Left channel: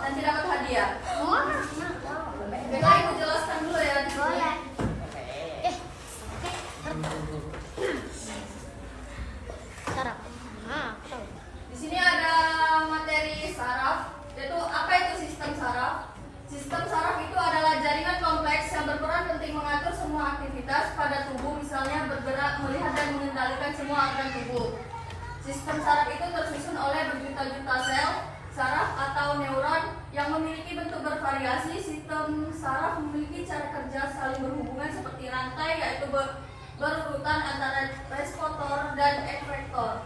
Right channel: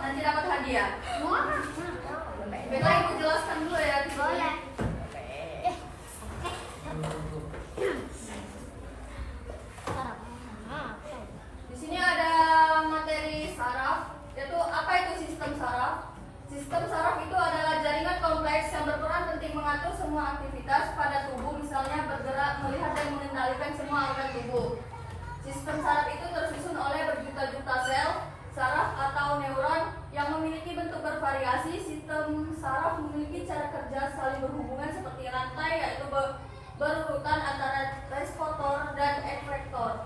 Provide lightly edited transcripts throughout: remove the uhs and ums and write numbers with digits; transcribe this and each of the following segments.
nanti dapat hadiah. Kita ibu jelaskan dulu ya. Boleh. Di sini ada materi saraf. Yaitu apa itu sistem saraf? Sistem saraf itu adalah jaringan kompleks yang berperan penting mengatur semua aktivitas pada tubuh, misalnya bergerak, melihat, dan mengendalikan semua organ tubuh. Sistem saraf itu tersusun oleh berjuta-juta sel saraf atau neuron yang memiliki bentuk bervariasi. Sistem saraf memiliki cara kerja saling berhubungan seperti rantai, yaitu berurutan antara reseptor dan efektor.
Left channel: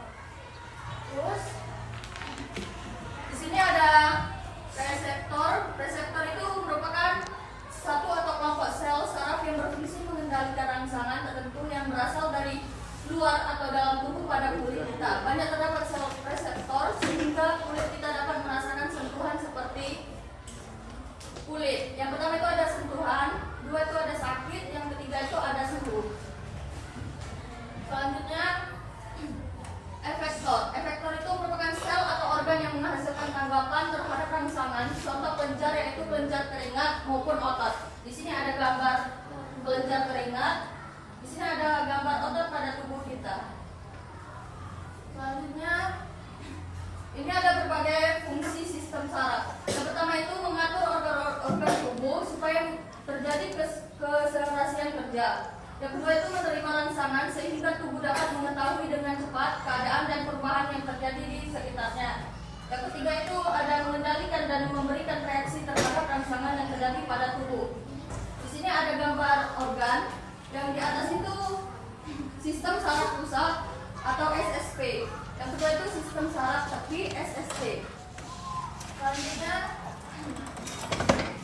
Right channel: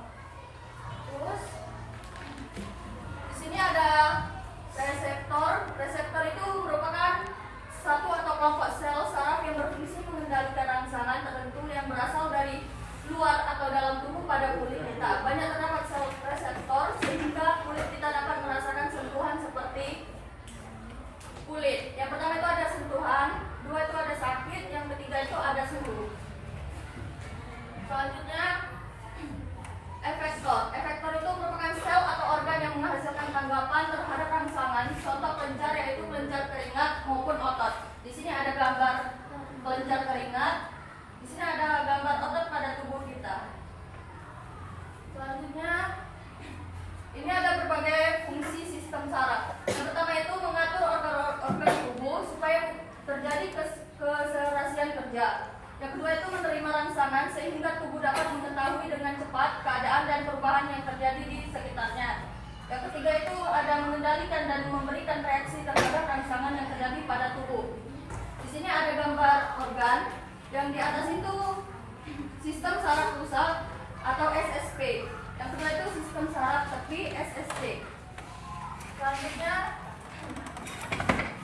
Terus di sini ada reseptor. Reseptor itu merupakan satu atau kelompok sel saraf yang berfungsi mengendalikan rangsangan tertentu yang berasal dari luar atau dalam tubuh pada kulit kita. Banyak terdapat sel reseptor sehingga kulit kita dapat merasakan sentuhan seperti kulit. Yang pertama itu ada sentuhan, dua itu ada sakit, yang ketiga itu ada suhu. Selanjutnya efektor. Efektor itu merupakan sel atau organ yang menghasilkan tanggapan terhadap rangsangan. Contoh kelenjar yaitu kelenjar keringat maupun otot. Di sini ada gambar kelenjar keringat. Di sini ada gambar otot pada tubuh kita. Selanjutnya ini ada berbagai fungsi sistem saraf. Yang pertama itu mengatur organ tubuh supaya terjadi keserasian kerja. Yang kedua itu menerima rangsangan sehingga tubuh dapat mengetahui dengan cepat keadaan dan perubahan yang terjadi di sekitarnya. Yang ketiga itu ada mengendalikan dan memberikan reaksi terhadap rangsangan yang terjadi pada tubuh. Di sini ada gambar organ. Yang di atas itu sistem saraf pusat atau SSP. Yang kedua itu sistem saraf tepi SST. Selanjutnya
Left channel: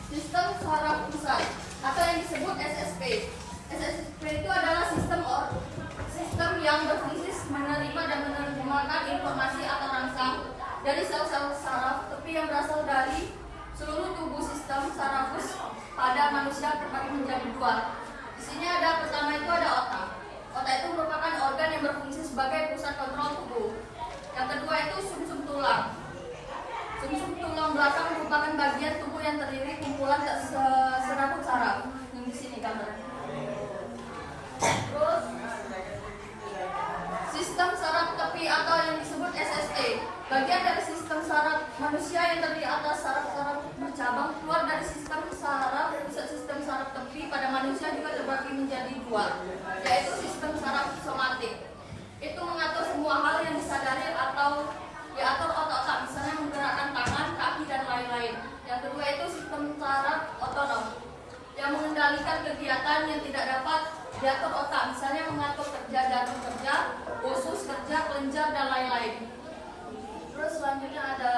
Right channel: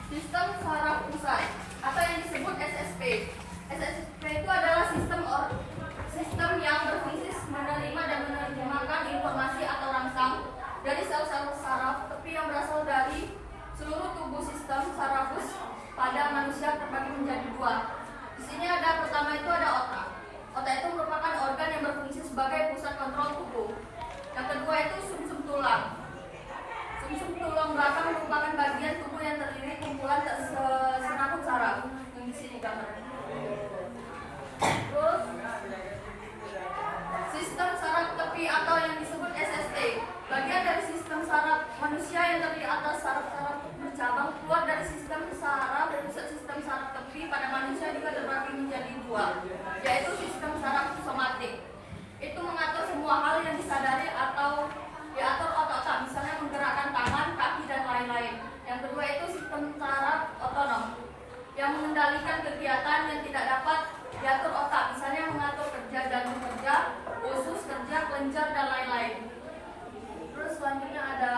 sistem saraf pusat atau yang disebut SSP. SSP itu adalah sistem yang berfungsi menerima dan menerjemahkan informasi atau rangsang dari sel-sel saraf tepi yang berasal dari seluruh tubuh. Sistem sarafus pada manusia terbagi menjadi dua. Di sini ada pertama itu ada otak. Otak itu merupakan organ yang berfungsi sebagai pusat kontrol tubuh. Yang kedua itu sumsum tulang. Sumsum tulang belakang merupakan bagian tubuh yang terdiri kumpulan serabut saraf. Yang di sini gambarnya. Terus sistem saraf tepi atau yang disebut SST. Bagian dari sistem saraf manusia yang terdiri atas saraf-saraf bercabang keluar dari sistem saraf. Pusat sistem saraf tepi pada manusia juga terbagi menjadi dua, yaitu sistem saraf somatik. Itu mengatur semua hal yang disadari atau diatur otak-otak, misalnya menggerakkan tangan, kaki, dan lain-lain. Yang kedua itu sistem saraf otonom yang mengendalikan kegiatan yang tidak dapat diatur otak, misalnya mengatur kerja jantung kerja, usus kerja, kelenjar, dan lain-lain. Terus selanjutnya ada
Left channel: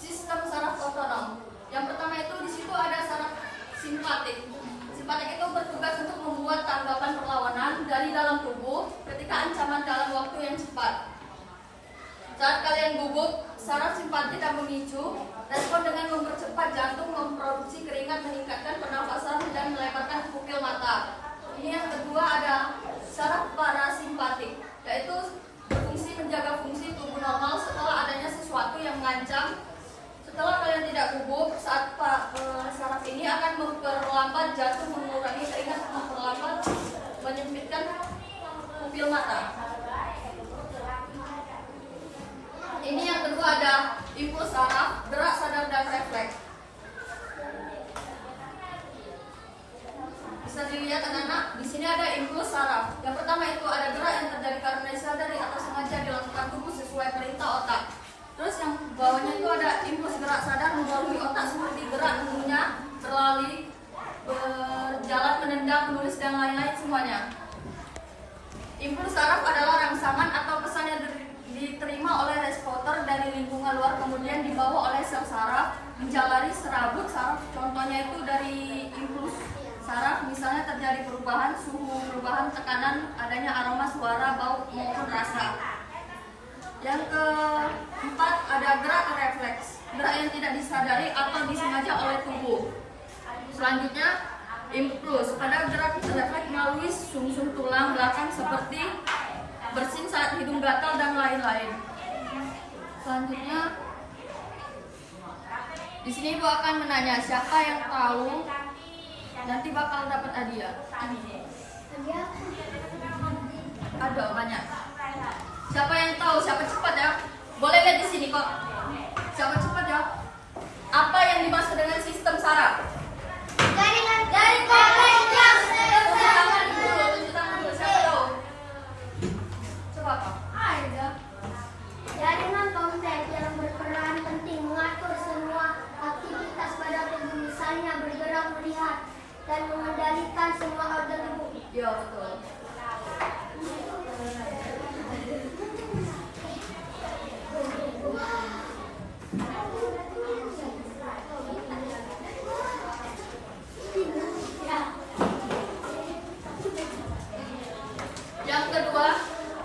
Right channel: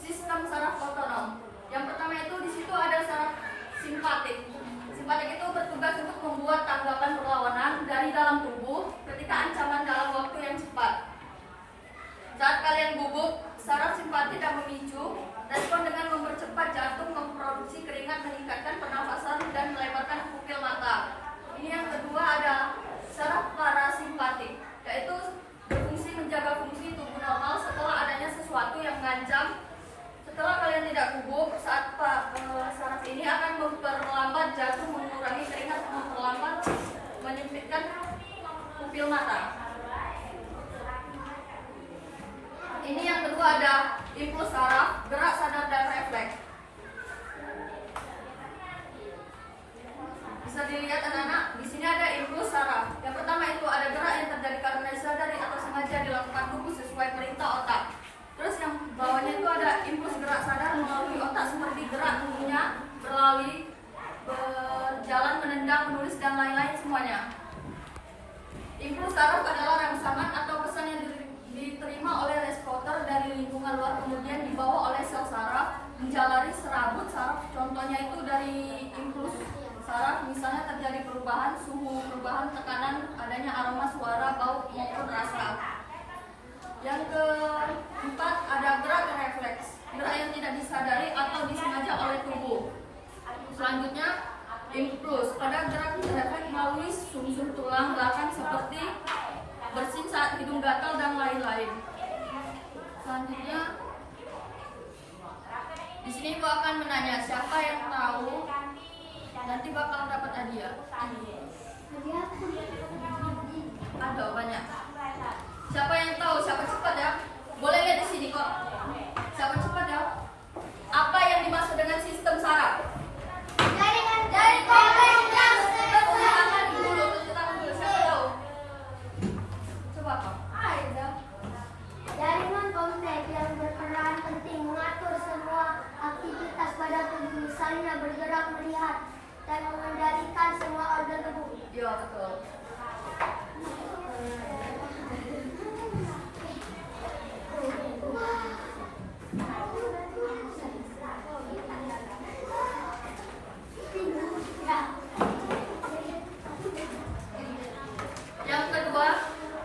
sistem saraf otonom. Yang pertama itu di situ ada saraf simpatik. Simpatik itu bertugas untuk membuat tanggapan perlawanan dari dalam tubuh ketika ancaman dalam waktu yang cepat. Saat kalian gugup, saraf simpatik akan memicu respon dengan mempercepat jantung, memproduksi keringat, meningkatkan pernafasan, dan melebarkan pupil mata. Ini yang kedua ada saraf parasimpatik, yaitu berfungsi menjaga fungsi tubuh normal setelah adanya sesuatu yang mengancam. Setelah kalian tidak gugup, saat saraf ini akan memperlambat jantung, mengurangi keringat, memperlambat, menyempitkan pupil mata. Ini yang kedua ada impuls saraf, gerak sadar, dan refleks. Bisa dilihat anak-anak, di sini ada impuls saraf. Yang pertama itu ada gerak yang terjadi karena disadari atau sengaja dilakukan tubuh sesuai perintah otak. Terus yang bawahnya itu ada impuls gerak sadar melalui otak seperti gerak mengunyah, berlari, berjalan, menendang, menulis, dan lain-lain semuanya. Impuls saraf adalah rangsangan atau pesan yang diterima oleh reseptor dari lingkungan luar kemudian dibawa oleh sel saraf menjalari serabut saraf. Contohnya itu dari impuls saraf misalnya terjadi perubahan suhu, perubahan tekanan, adanya aroma, suara, bau maupun rasa. Yang keempat ada gerak refleks, gerak yang tidak disadari atau disengaja oleh tubuh. Selanjutnya impuls pada gerak refleks melalui sumsum tulang belakang seperti bersin saat hidung gatal dan lain-lain. Selanjutnya Di sini Ibu akan menanya siapa yang tahu, nanti bakal dapat hadiah. Ada orangnya. Siapa yang tahu? Siapa cepat ya? Boleh lihat di sini kok. Siapa cepat ya? Apa yang dimaksud dengan sistem saraf? Jaringan dari kompleks yang Tunjuk tangan dulu. Siapa tahu? Coba. ada. Jaringan kompleks yang berperan penting mengatur semua aktivitas pada tubuh, misalnya bergerak, melihat, dan mengendalikan semua organ tubuh. Iya, betul. Yang kedua,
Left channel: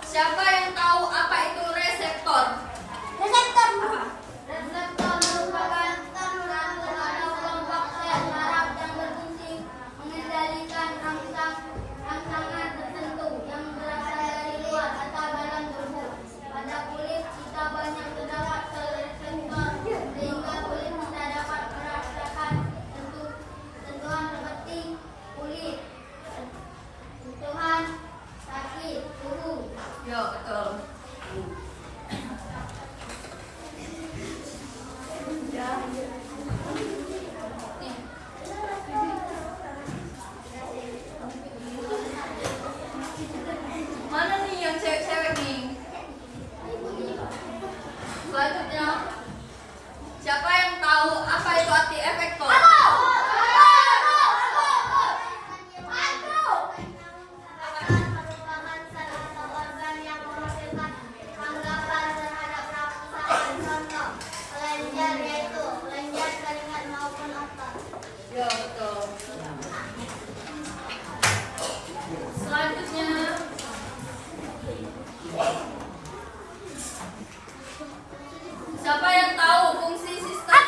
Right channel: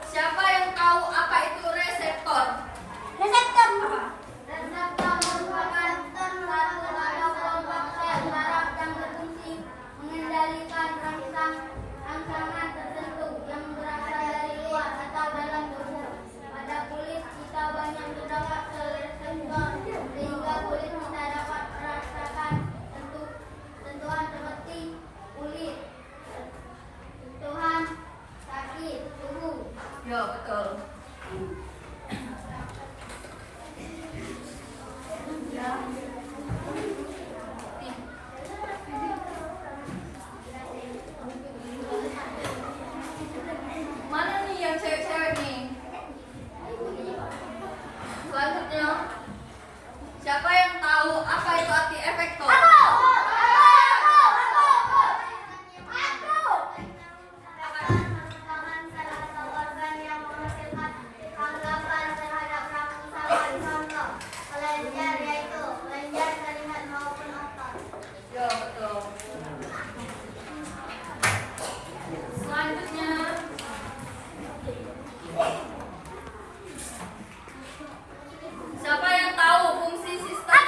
siapa yang tahu apa itu reseptor? Reseptor. Apa? Reseptor merupakan satu atau kelompok sel saraf yang berfungsi mengendalikan rangsangan tertentu yang berasal dari luar atau dalam tubuh. Pada kulit kita banyak terdapat sel reseptor sehingga kulit kita dapat merasakan sentuhan seperti kulit, sentuhan sakit, suhu. Ya, betul. Mana nih yang cewek-cewek nih? Selanjutnya, siapa yang tahu apa itu arti efektor? Merupakan salah satu organ yang menghasilkan tanggapan terhadap rangsangan. Contoh, kelenjar yaitu kelenjar keringat maupun otot. Ya, betul. Selanjutnya, siapa yang tahu fungsi sistem?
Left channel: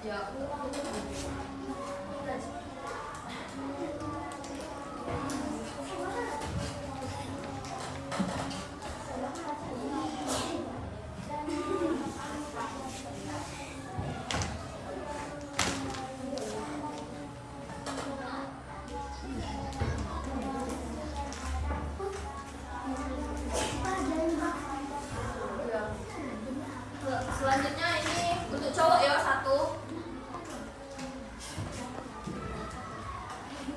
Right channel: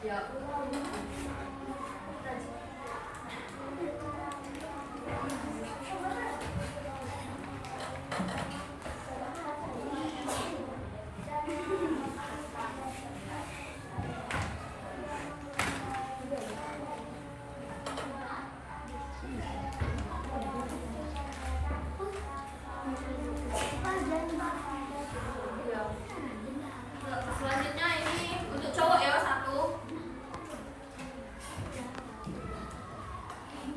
Ya. Ya. Selanjutnya ini untuk cowok ya, satu.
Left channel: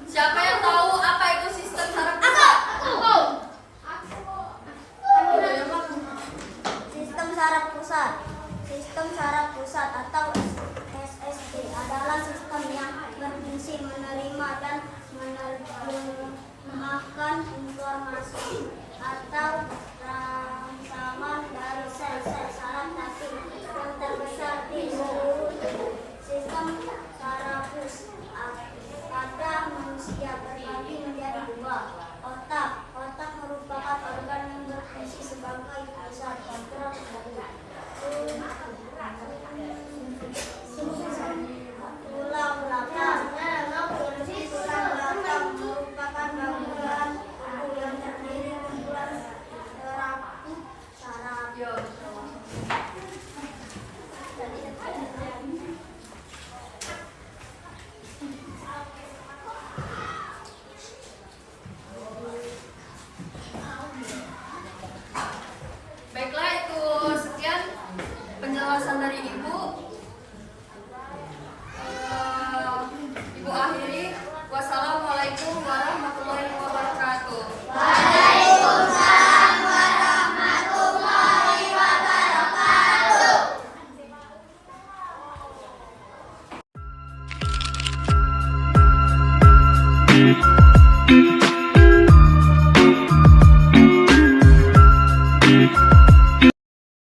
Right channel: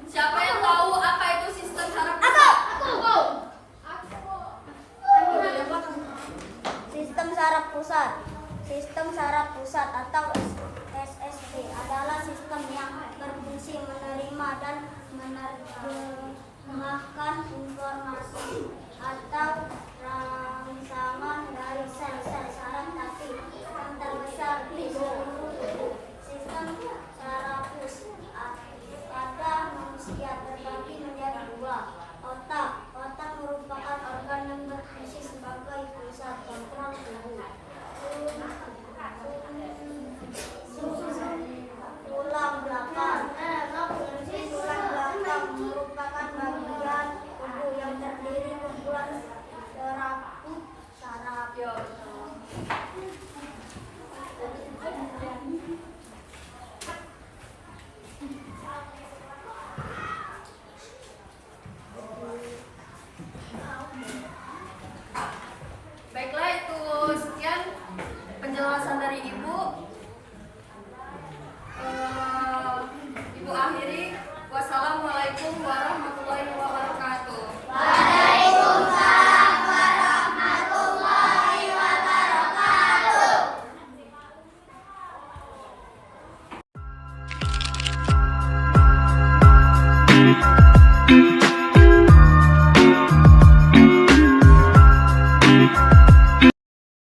Siapa yang tahu apa itu sistem saraf pusat? Sistem saraf pusat. Sistem saraf pusat atau SSP adalah sistem yang berfungsi menerima dan menerjemahkan informasi atau rangsangan dari sel-sel saraf tapi terbesar di seluruh tubuh. Sistem sarafus pada manusia terbagi menjadi dua. Otak merupakan organ yang berfungsi sebagai pusat kontrol tubuh. Tulang belakang. Tulang belakang merupakan bagian tubuh yang terdiri kumpulan terakhir saraf. Ya, betul. Baiklah, itu sekian penjelasan dari Ibu.